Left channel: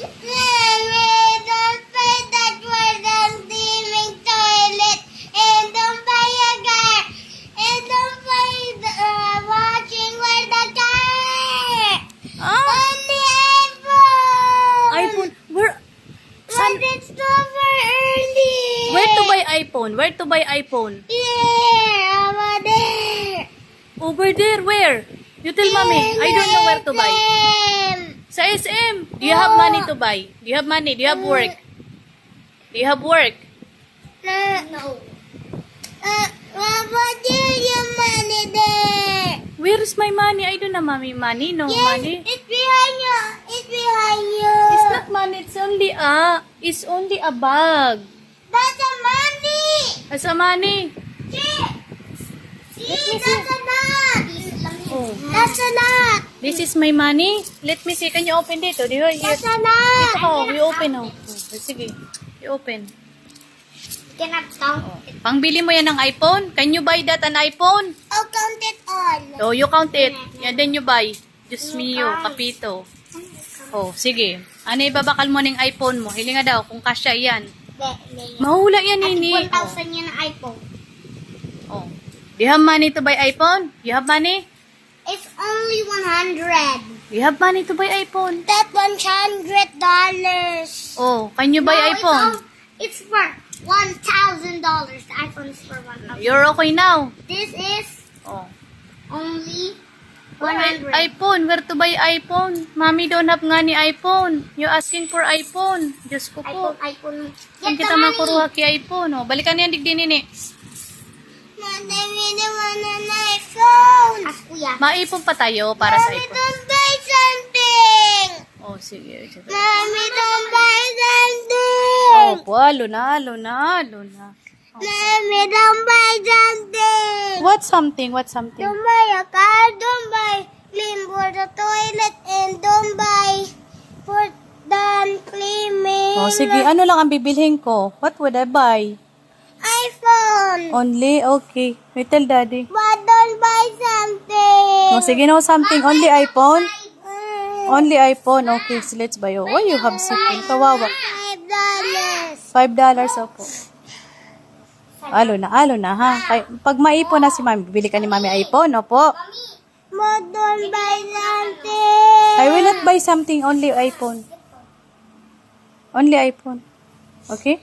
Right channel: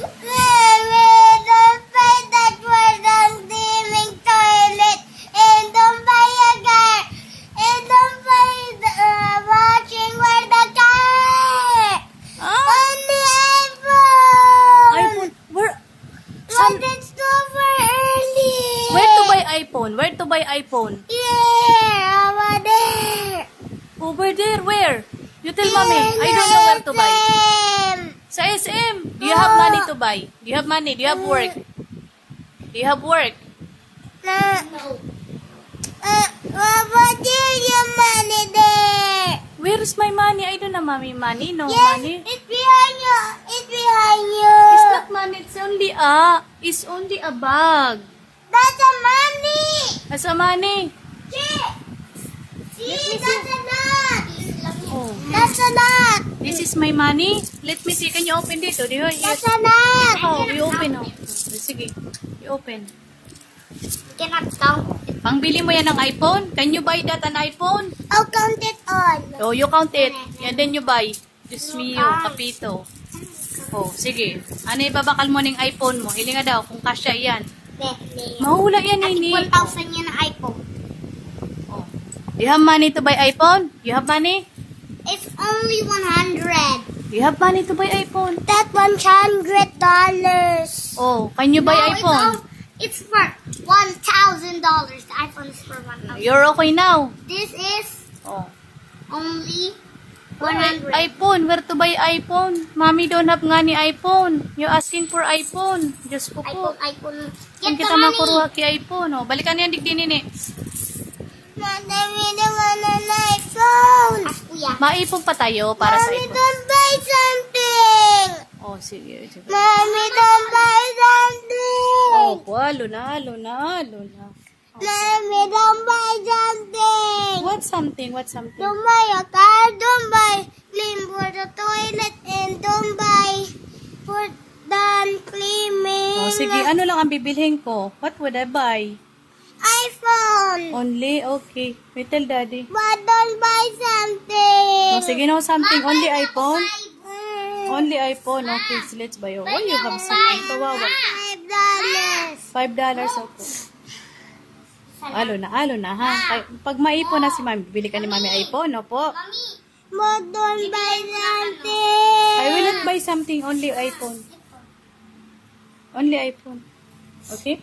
Mommy, don't buy that for the steaming toilet. And don't buy a car. And don't buy the watching for the car. Only iPhone. iPhone? Where? But it's over early. Where to buy iPhone? Where to buy iPhone? Yeah, over there. Over there, where? You tell mommy. I don't know where to buy. SM. Sa SM. Do you have money to buy? Do you have money? Do you have work? Do you have work? No. What do you money there? Where's my money? I don't have mommy money. No money. It's behind you. It's behind you. It's not money. It's only a bag. That's a money. That's a money. See, Let me see. that's a nut. Oh. That's a nut. This is my money. Let me see. Can you open dito? Do you hear? That's a nut. Ito how? We open now. Sige. You open. Cannot count it. Pangbili mo yan ng iPhone? Can you buy that an iPhone? I'll count it all. Oh, you count it. And then you buy. Diyos mio, kapito. Oh, sige. Ano ibabakal mo ng iPhone mo? Hilinga daw kung kasya yan. Mahula yan, Nini. 1,000 yan ang iPhone. Oh. You have money to buy iPhone? You have money? It's only 100. You have money to buy iPhone? That $100. Oh, can you buy iPhone? It's for $1,000. The iPhone is for 1,000. You're okay now. This is Oh. only 100. iPhone. Where to buy iPhone? Mommy don't have nga ni iPhone. You asking for iPhone. Diyos ko po. iPhone. Kung Get the kita money. makuruha ki iPhone. Oh. Balikan yan, digdi nini. Mommy, they want an iPhone. Ask Kuya. Maipon pa tayo para sa Mommy, iPhone. don't buy something. Oh, sige. Mommy, don't buy something. Oh, po, luna. Mommy, don't buy something. What something? Don't buy a car. Don't buy clean for the toilet. And don't buy for the cleaning. Oh, sige. Ano lang ang bibilhin ko? What would I buy? iPhone. Only? Okay. Wait, tell daddy. But don't buy something. Oh, sige, no something. Only iPhone? Mm, Only iPhone. Okay, so let's buy. Oh, why you have something? Kawawa. $5. $5 opo. Alo na ha. Pag maipon na si mami, bibili ka ni mami iPhone, opo. But don't buy something. I will not buy something, only iPhone. Only iPhone. Okay?